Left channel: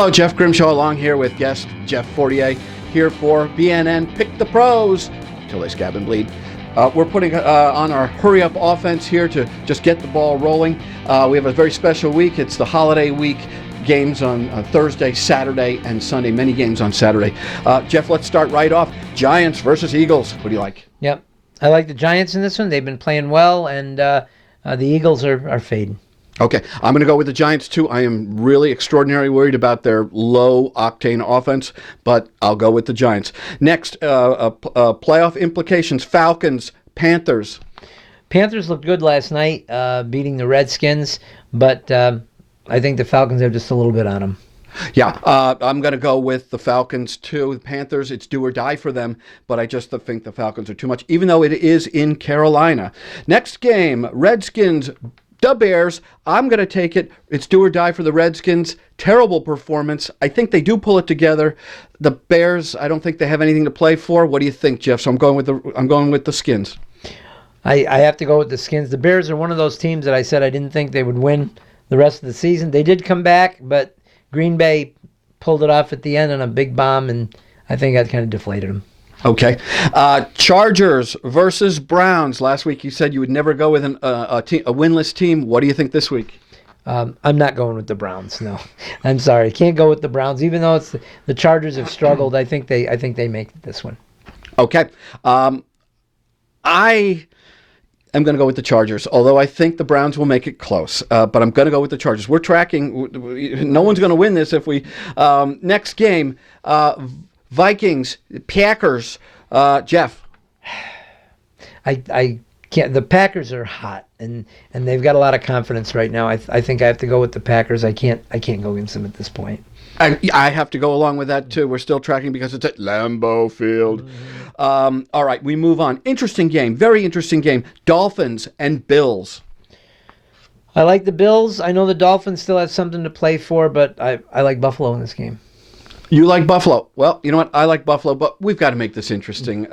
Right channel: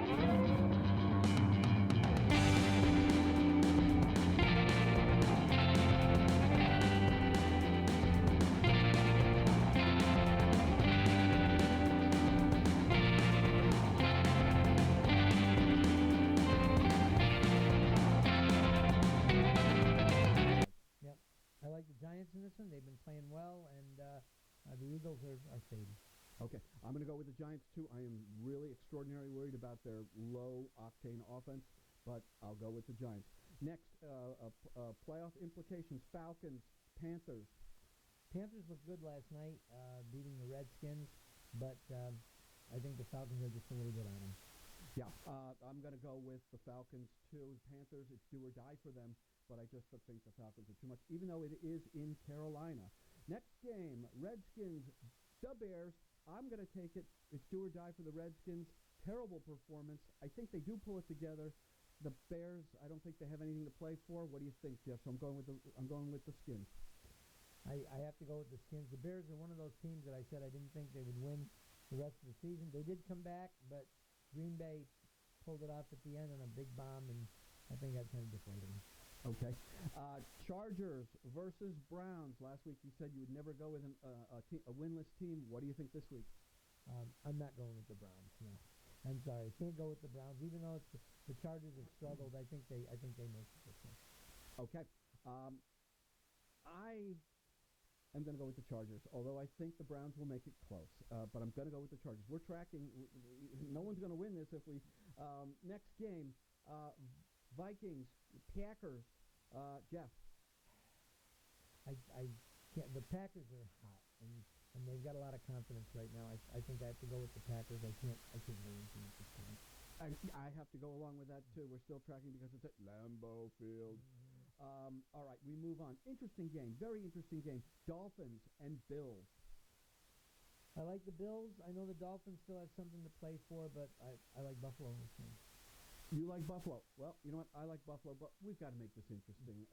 Hello, Jeff Grimshaw along here with guest Jeff Fortier here for BNN Pick the Pros till they scab and bleed. We're putting on our hurry-up offense here to just get the ball rolling. We have a very special week. It's the holiday week. Games on Thursday, Saturday, and Sunday. Many games on Saturday. Jeff, let's start right off. Giants versus Eagles. What do you like? Yep. I like the Giants in this one. They've been playing well, and the Eagles are fading. Okay, I'm going to go with the Giants, too. I am really extraordinarily worried about their low-octane offense, but I'll go with the Giants. Next, playoff implications, Falcons, Panthers. Panthers looked good last night, beating the Redskins, but I think the Falcons have just a little bit on them. Yeah, I'm going to go with the Falcons, too. The Panthers, it's do or die for them, but I just think the Falcons are too much, even though it is in Carolina. Next game, Redskins, the Bears. I'm going to take it. It's do or die for the Redskins. Terrible performance. I think they do pull it together. The Bears, I don't think they have anything to play for. What do you think, Jeff? So I'm going with the Skins. I have to go with the Skins. The Bears are one of those teams that I said I didn't think they would win the rest of the season. They did come back, but Green Bay pulled it off at the end on a big bomb, and I think that kind of deflated them. Okay. Chargers versus Browns. Last week you said you would never go with a winless team. What do you think this week? I'm not going with the Browns. No, I'm sorry. Can't go with the Browns. Even though it's the Chargers have struggled, I think they make this one. Okay. I am going to go with the Chargers, although I think the Browns will make it close. But I'm going to go with the Chargers. We're tracking. No one's going to win this if we. Next game. Vikings, Packers, Jeff. I can't. The Packers are hot, and they've got a lot of confidence right now. I think I have to go with the Packers. I can't go against them at this point. I have to go along with that too. We're still tracking because it's at Lambeau Field. All right, we move on. Interesting game, very interesting game. Dolphins and Bills. I like the Bills. I know the Dolphins still have something to play for, but I like Buffalo in this game. You like Buffalo. Well, you know what? I like Buffalo, but we've got to make this interesting.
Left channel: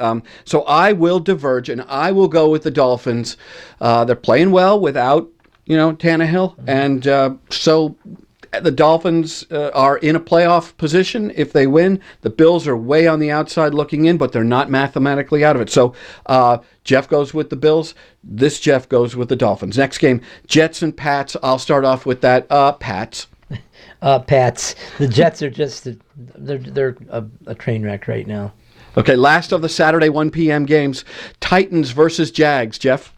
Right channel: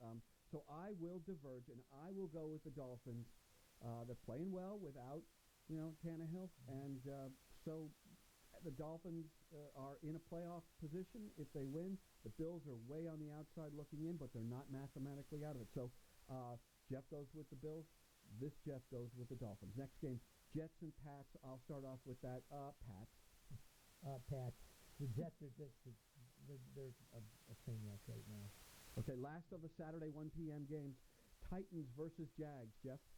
So I will diverge, and I will go with the Dolphins. They're playing well without, Tannehill. And so the Dolphins are in a playoff position if they win. The Bills are way on the outside looking in, but they're not mathematically out of it. So Jeff goes with the Bills. This Jeff goes with the Dolphins. Next game, Jets and Pats. I'll start off with that. Pats. Pats. The Jets are just they're a train wreck right now. Okay, last of the Saturday 1 p.m. games, Titans versus Jags. Jeff?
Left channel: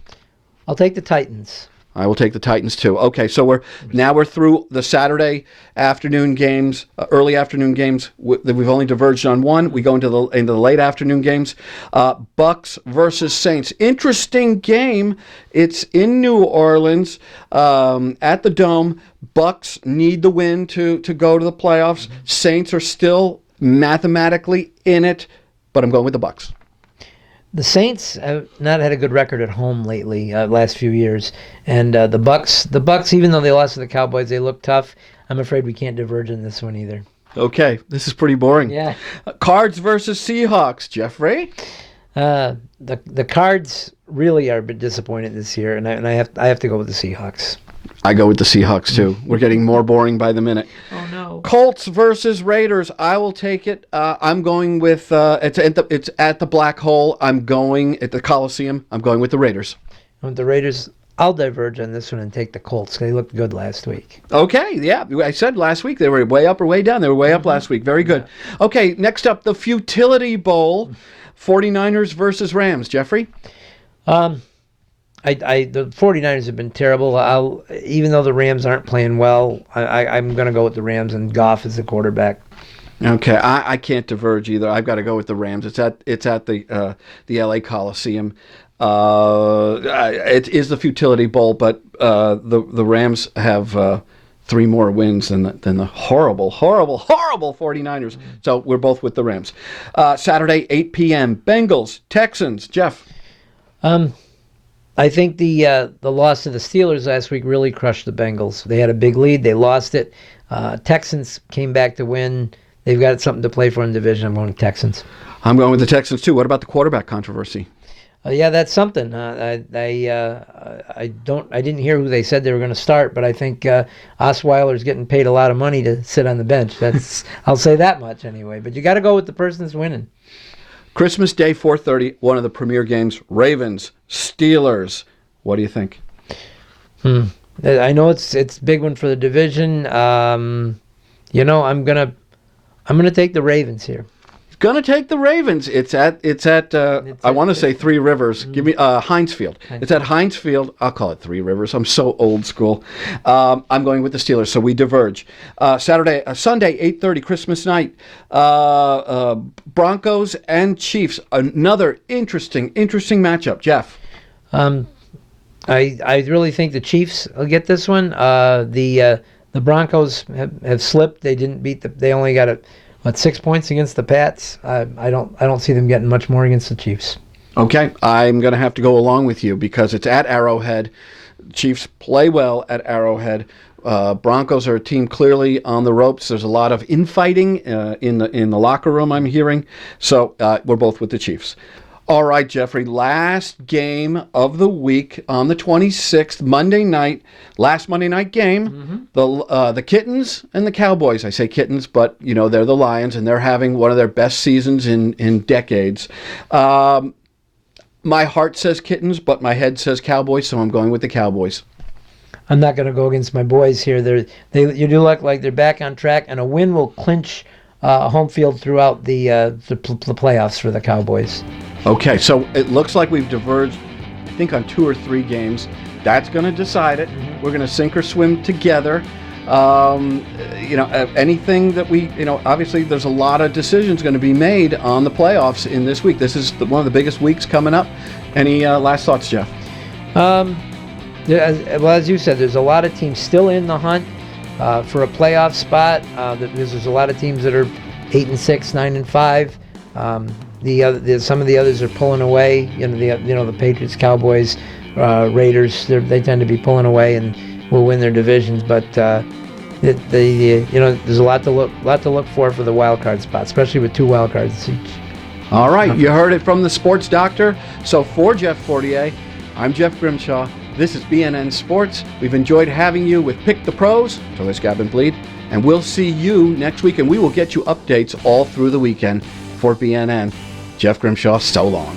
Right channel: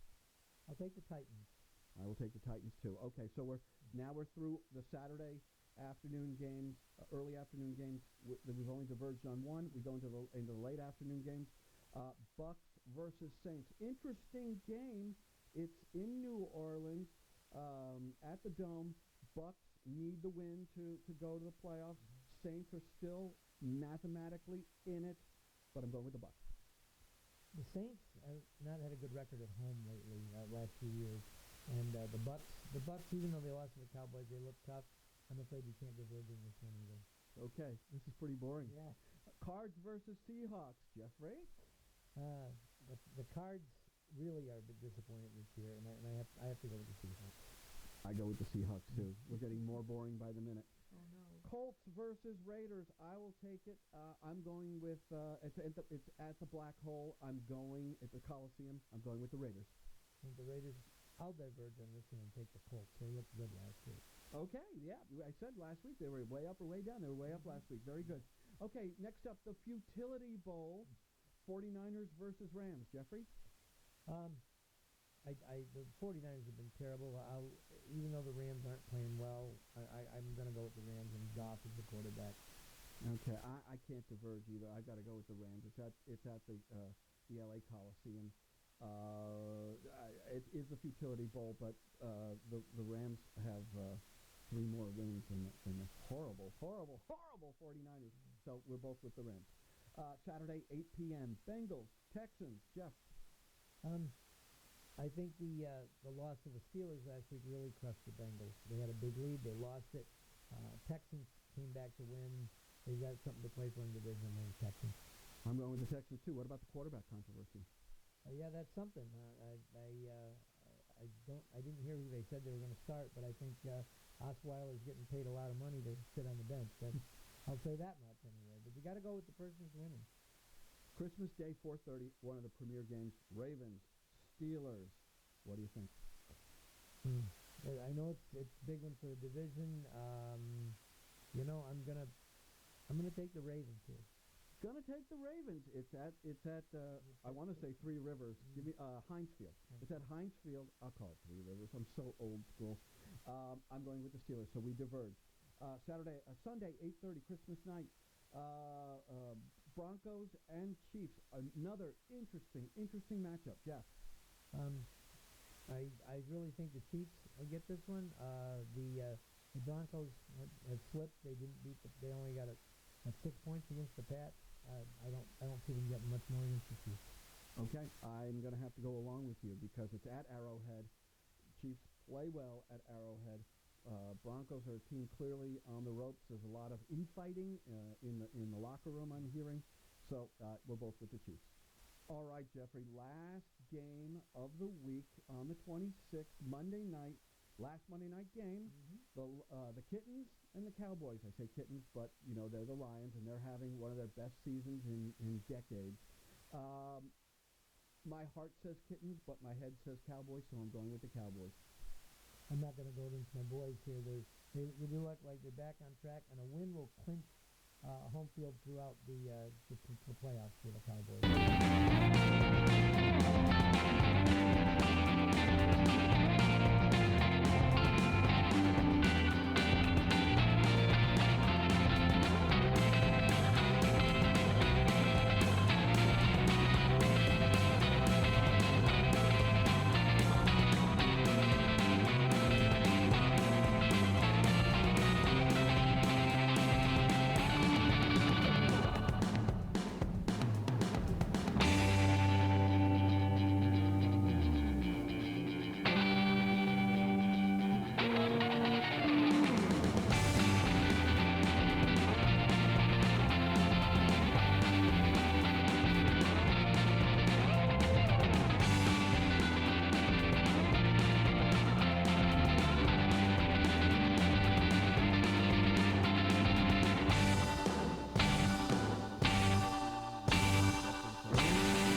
I'll take the Titans. I will take the Titans too. Okay, so we're through the Saturday afternoon games, early afternoon games. We've only diverged on one. We go into the late afternoon games. Bucks versus Saints. Interesting game. It's in New Orleans at the Dome. Bucks need the win to go to the playoffs. Saints are still mathematically in it, but I'm going with the Bucks. The Saints have not had a good record at home lately, last few years, and the Bucks, even though they lost to the Cowboys, they look tough. I'm afraid we can't diverge in this one either. Okay, this is pretty boring. Yeah. Cards versus Seahawks, Jeffrey. The Cards really are a bit disappointed this year, and I have to go with the Seahawks. I go with the Seahawks too. We're getting more boring by the minute. Oh no. Colts versus Raiders. I will take it. I'm going with it's at the Black Hole. I'm going at the Coliseum. I'm going with the Raiders. With the Raiders, I'll diverge on this one and take the Colts. They looked good last week. Okay, yeah. I said last week they were way up or way down. They were way up last week. Very good. Okay, next up, the Futility Bowl. 49ers versus Rams. Jeffrey? The 49ers have been terrible. Even though the Rams aren't playing well, I'm going to go with the Rams, and Goff is the quarterback. Okay, I can't diverge either. I've got to go with the Rams. It's at the LA Coliseum. It is the Futility Bowl, but the Rams have 3 more wins than the horrible 49ers. So we're both with the Rams. Saturday, 8 p.m. Bengals, Texans. Jeff? I think the loss to the Steelers last week really crushed the Bengals. They had a big lead. They lost it. Texans came back to win. They've got something to play for in the division. I'm going with Texans. I'm going with the Texans, too. What about the quarterback controversy? Yeah, that's something. I didn't hear who they said they were going to start, but I think Osweiler's getting paid a lot of money to sit on the bench. I'll say that much anyway. But you got to go with the person that's winning. Christmas Day, 4:30, one of the premier games. Ravens, Steelers. What do you think? I know it's a big one for the division. I'm gonna take the Ravens here. Gonna take the Ravens. It's at I want to say Three Rivers. Give me Heinz Field. It's at Heinz Field. I'll call it Three Rivers. I'm so old school. I'm going with the Steelers, so we diverge. Sunday, 8:30, Christmas night. Broncos and Chiefs. Another interesting matchup. Jeff. I really think the Chiefs will get this one. The Broncos have slipped. They didn't beat they only got 6 points against the Pats. I don't see them getting much more against the Chiefs. Okay, I'm going to have to go along with you because it's at Arrowhead. Chiefs play well at Arrowhead. Broncos are a team clearly on the ropes. There's a lot of infighting in the locker room, I'm hearing. So we're both with the Chiefs. All right, Jeffrey, last game of the week on the 26th, Monday night, last Monday night game, the Kittens and the Cowboys. I say Kittens, but, they're the Lions, and they're having one of their best seasons in decades. My heart says Kittens, but my head says Cowboys, so I'm going with the Cowboys. I'm not going to go against my boys here. You do look like they're back on track, and a win will clinch home field throughout the playoffs for the Cowboys. Okay, so it looks like we've diverged, I think, on 2 or 3 games. That's going to decide it. We're going to sink or swim together. Anything that we, obviously there's a lot of decisions going to be made on the playoffs in this week. This is one of the biggest weeks coming up. Any last thoughts, Jeff? As you said, there's a lot of teams still in the hunt for a playoff spot. There's a lot of teams that are 8-6, 9-5. Some of the others are pulling away. The Patriots, Cowboys, Raiders. They tend to be pulling away and will win their divisions. But there's a lot to look for the wild card spot, especially with 2 wild cards each. All right, you heard it from the sports doctor. So for Jeff Fortier, I'm Jeff Grimshaw. This is BNN Sports. We've enjoyed having you with Pick the Pros. So let's Scab and Bleed. And we'll see you next week, and we will get you updates all through the weekend for BNN. Jeff Grimshaw, so long.